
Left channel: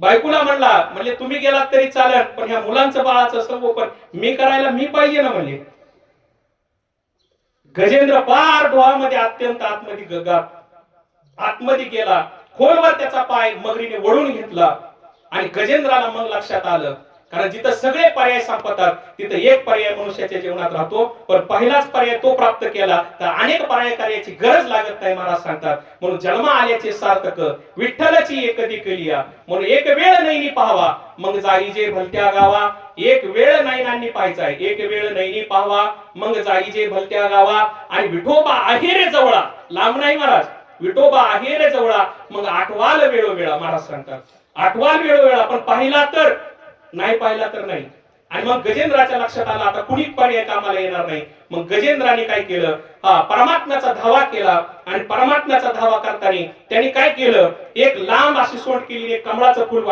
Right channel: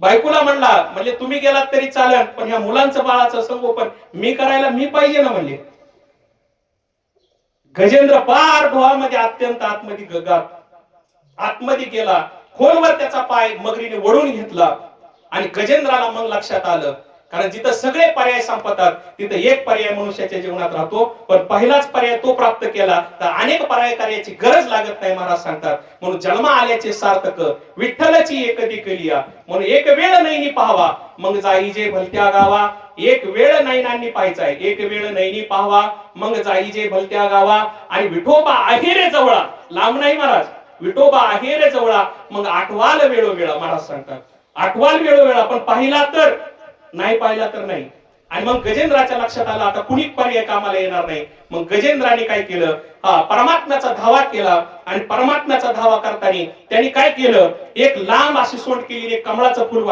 बायकोला म्हणला, म्हणजे तुम्ही गेलात तरी चालेल, पण ह्या मुलांचं बाळाचं संगोपन मी करायला मी पाहिजे ना म्हणले. गजेंद्र पार डोहामध्ये अत्यंत आतमध्ये गेला. खोलवर त्याचा पाय मगरीने वळून घेतला. आणि गजेंद्राला मग लक्षात आलं, कारण जिथं सगळे पर्याय संपतात तिथं एक पर्याय मनुष्याच्या जीवनात राहतो, पण पहिलाच पर्याय तो प्राप्त केला तर अनेक पर्याय कार्याची गरज लागत नाही महाराज सांगतात. म्हणून जन्म आल्याचे सार्थक विठ्ठलाची एकदी केलिया. म्हणून एक वेळ नैनी पाहावा मग जाईजे भलत्या गावा. एक वेळ नैनांनी पाहायचाय, एक वेळ नैनी पाहावा मग जाईजे भलत्या गावा. आणि विठोबा आहे रे जवळा, लांब नाही महाराज, विठोबा आहे रे जवळा मग आठवाल वेळोवेळा. महाराज सांगतात आठवाल वेळोवेळा, पण पाहिला तर नाही, पाहिला तर नाही. आणि मग गजेंद्राच्या लक्षात आला आता कुणी पर्याय कामाला येणार नाही. मग गजेंद्राने काय केलं, परमात्म्याचा धावा केला. आणि परमात्म्याचा धावा करताना त्यांनी काय केलं, एक लांब अशी सोंड केली, एक कमळाचं फुल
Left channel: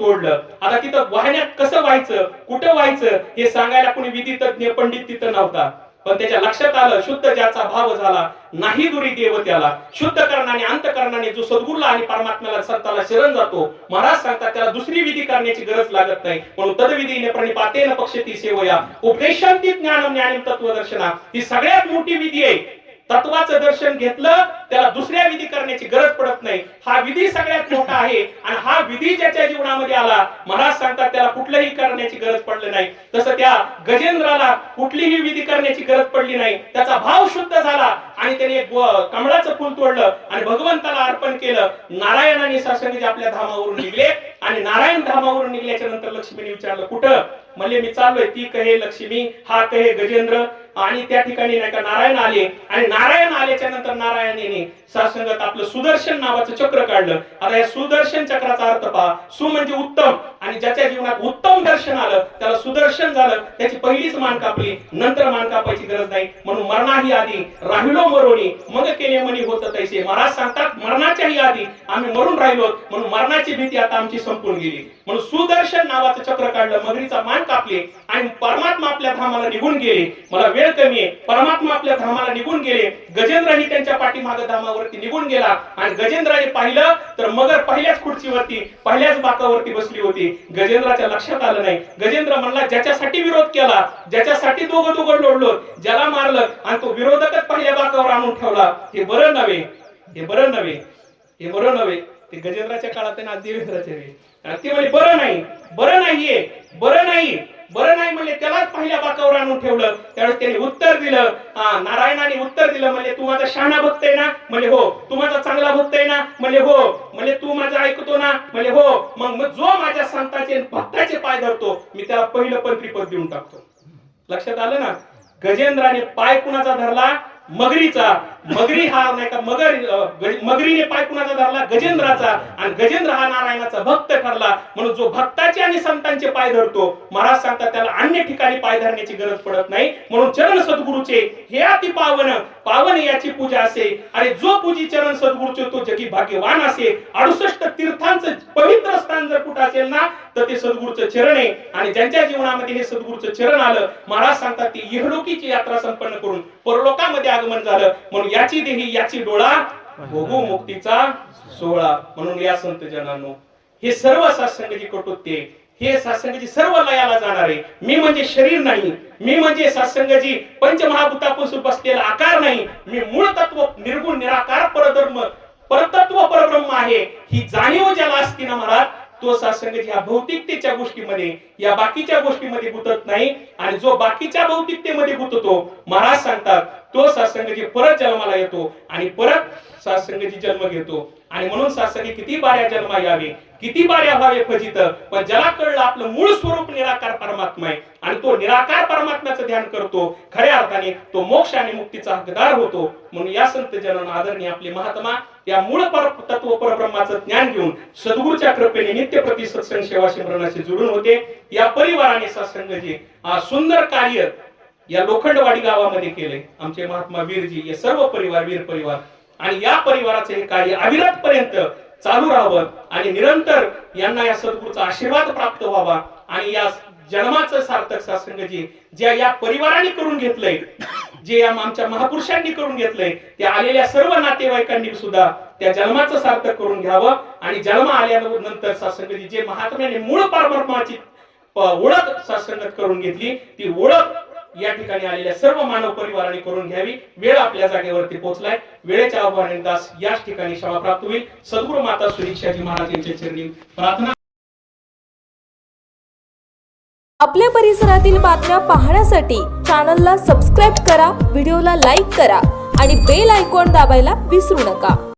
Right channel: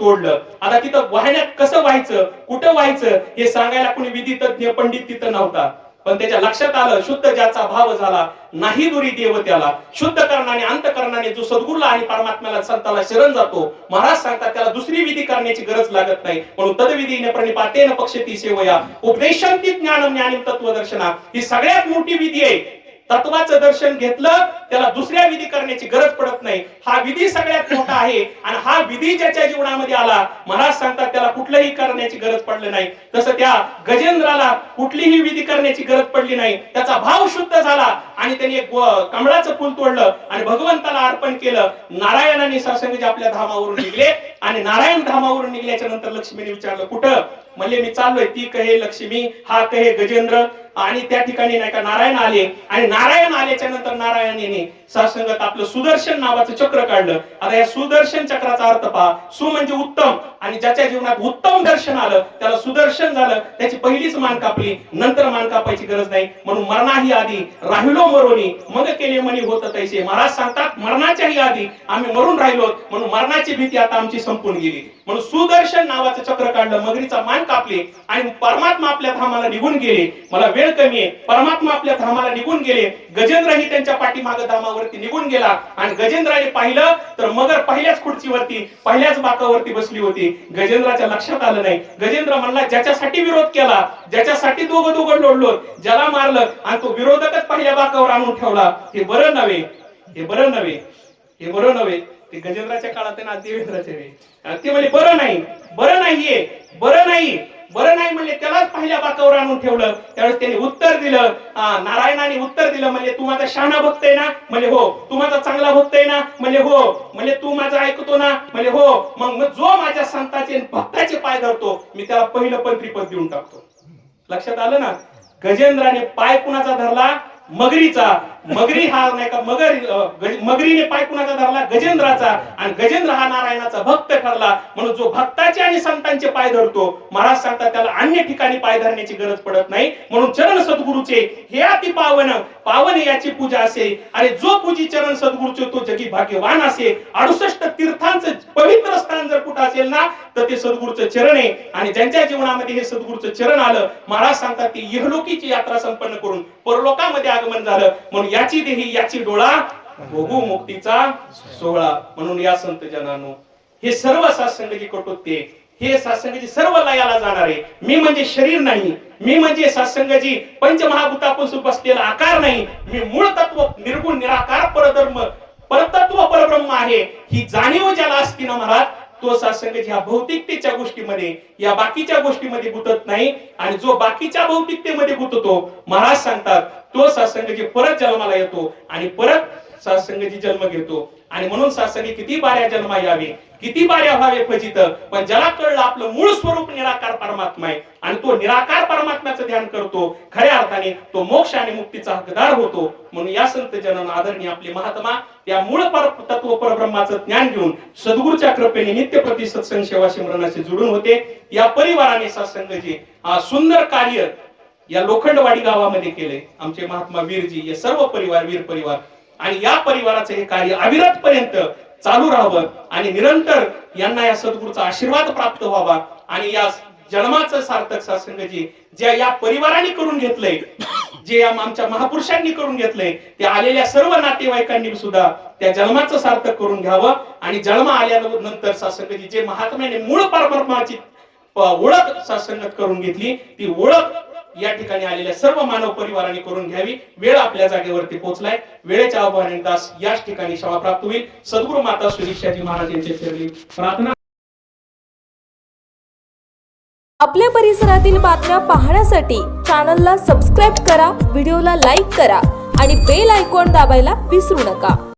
तोडलं. आता तिथं वाहण्यात कसं व्हायचं, कुठं व्हायचं हे सांगायला कुणी विधी तज्ञ पंडित तिथं नव्हता. पण त्याच्या लक्षात आलं, शुद्ध ज्याचा भाव झाला नाही दुरी देव त्याला. शुद्ध करणाने अंतकरणाने जो सद्गुरूला आणि परमात्म्याला संताला शरण जातो, महाराज सांगतात त्याला दुसरी विधी करण्याची गरज लागत नाही. म्हणून तद्विधीने प्रणिपातेन पक्षती सेवया उपदेशांती ज्ञानम ज्ञानीम तत्वदर्शना. ही सगळ्यात मोठी विधी आहे. तत्वाचं दर्शन घेतलं त्याला दुसऱ्या विधी करण्याची गरज पडत नाही. हा विधी सगळ्यात मोठा आहे. आणि हा विधी ज्याच्या जीवनामध्ये आला, महाराज सांगतात त्याला कुठल्याही करण्याची गरज पडली नाही. तसं त्या गजेंद्राला कुठलीही विधी करण्याची गरज पडली नाही. त्याचा भाव शुद्ध झाला आणि त्याने एक कमळाचं फुल तोडलं आणि भगवंताला अर्पण केलं. नारायणाने सासंगजी आपल्या धामावरून निघले. आणि नारायण धामावरून निघल्याच्या नंतर लक्ष्मीने विचारलं, कुठं? म्हणले मी चाललोय. ती कहे लक्ष्मी, हा कहे गजेंद्र. आणि त्या ठिकाणी नाही का नारायण आले. आणि नारायण आल्याच्या नंतर नारायणाने सासंगत आपलं सुदर्शन नावाचं चक्र काढलं. आता या सुदर्शन चक्राचा अर्थ पहा. सु म्हणजे उत्तम, आणि ज्याच्या जीवनात उत्तम दर्शन आलं त्याला सुदर्शन झालं. त्याची पहिलीच मान कापली, नंतर मान कापायची गरज नाही. म्हणून मरणाही आधी राहिलो मरोनी मग केले मनी होत तैसे. महाराज सांगतात मरणाच्याही आधी आम्ही मरून राहिलो, म्हणून मरणाची भीती आता आमची संपून गेली. म्हणून सुदर्शन नावाचं चक्र काढलं, मगरीचा मान कापले आणि परमात्मा आपल्या धामाला निघून गेले. मला वेळ कमी आहे. परमात्मा आपल्या धामाला निघून गेले. गजेंद्रही त्यांच्या पाठीमागे धामावरती निघून गेला. आणि गजेंद्राने पाहिलं तर मगर पहिल्याच खुर्चीवरती, पहिल्याच बाकावरती बसली होती. गजेंद्राच्या लक्षात आलं नाही. गजेंद्र म्हणला, ज्याच्यासाठी विरोध केला, ज्याच्यासाठी दोघं लढलो, ज्याला मारलं आणि तो विरोधकच पहिल्या बाकावर आणून ठेवला, हे बरं नव्हे, हे बरं नव्हे, हे बरं नव्हे. ते गजेंद्राच्या काळात ना देवेंद्राच्या वेळी ते म्हणजे बरं नाही, बरं नाहीये, बरं नाही, बरं नाही म्हणजे त्यालाच पहिल्या बाकावर आणून ठेवलं. त्यावेळेस त्याने उत्तर दिलं, नारायणाने उत्तर दिलं, म्हणजे तू माझा शहाणा भक्त आहे ना? म्हणजे हो. तू माझा चांगला भक्त आहे ना? म्हणजे हो. म्हणजे तू माझा ऐकतो ना? म्हणजे हो. मग जो माझ्या संतांचे भक्ताचे पाय धरतो मी त्याला पहिलं पंत्रीपद देऊन टाकतो. लक्षात आलं ना? गजेंद्राने पाय कुणाचा धरला? मगरीचा. मगरी हा नाही का मगरीने पाय कुणाचा धरला? गजेंद्राचा. आणि गजेंद्र हा नारायणाचा भक्त ठरला. म्हणून जो भक्ताचे आणि संतांचे पाय धरतो, महाराज सांगतात त्याला अन्य ठिकाणी पाय धरण्याची गरज पडत नाही. म्हणून चरण सद्गुरूचे हे अति पावन, पावन याची पूजा असे. आणि जो पूजी चरण सद्गुरूचे तो जगी भाग्यवान असे. 68 तीर्थांचं पवित्र स्थान जर कुठं असेल ना तर ते सद्गुरूचं चरण आहे. आणि ज्यांच्या जीवनामध्ये हे सद्गुरूचं चरण आलं, महाराज सांगतात ती इहलोकीची यात्रा संपन्न करून परलोकामध्ये आगमन झालं. म्हणून याची देही याची डोळा भोगू मुक्तीचा सोहळा. म्हणून या संत जनांनो, हे सर्व सत्संगाची कटोते, हे सत्संगाची सर्व लयाला जाणारे. मी म्हणजे शरीर नाही, मी म्हणजे सत्संगाची पंचमहाभूतापासून बसलेला आकार नाही. मी मूळ तत्व निर्गुण निराकार परधर्म परतत्व परब्रह्म आहे. ही जाणीव ज्याला असती ना महाराज, तो सत्संगाची ह्या भौतिकतेच्या गोष्टीमध्ये, या बाकीच्या गोष्टीमध्ये गुंतत नाही. आणि जो बाकीच्या भौतिकतेमध्ये गुंततो, महाराज सांगतात तो सत्संगाची परत जन्माला येतो आणि परत सत्संगाची जन्म घेतो. आणि म्हणून सत्संगी किती बाऱ्या जन्मा यावे, किती बाऱ्या व्हावे फजित, पण ज्याला कळलं आपलं मूळ स्वरूप निराकार परमात्मा आहे आणि तो निराकार परमात्म्याचं ध्यान करतो, खऱ्या अर्थाने तो मोक्ष आणि मुक्तीचा हकदार होतो. म्हणून या संत जनन आदरणीय आपले महात्मा त्या मूळ तत्व परब्रह्माचं ज्ञान घेऊन सद्गुरूच्या कृपेने नित्य प्रति सत्संग सेवा सिमरनाशी जोडून होते. या परिवाराने सत्संगचे सुंदर कार्य या लोखंडवाडी गावामध्ये केले. आमचे महात्मा वीरजी, हे सर्व परिवार वीर परिवार, आणि या परिवाराचे हे कार्य अविरत पर्यंत चालू राहावं आणि निरंतर यांना या सद्गुरूचा आशीर्वाद प्राप्त व्हावा. आणि या जन्माचं सार्थक सत्संग जे या परिवाराने करून घेतलंय, जे आमच्या महापुरुषांनी करून घेतलंय, त्या आलेल्या सर्व नातेवाईकांनी सुद्धा त्या जन्माचं सार्थक करून घ्यावं. आणि जन्म आल्यानंतर सत्संग जे महात्म्याने मूळ परमात्म्याची ओळख सत्संगात करून घेतली, ती ओळख या ठिकाणी आलेल्या सर्व मानव परिवाराने करून घ्यावी. वेळ आपल्या जागेवरती पोहोचलाय. वेळेच्या आव्हानाने दास याच ठिकाणी क्षमा प्राप्त होईल. सद्गुरू माता सुदीक्षाजी महाराज यांच्या चरणी प्रार्थना. आपल्या परिसरातील बातम्या पाहण्यासाठी चॅनलला सबस्क्राईब करा, व्हिडिओला लाईक करा आणि बेल आयकॉन दाबायला विसरू नका.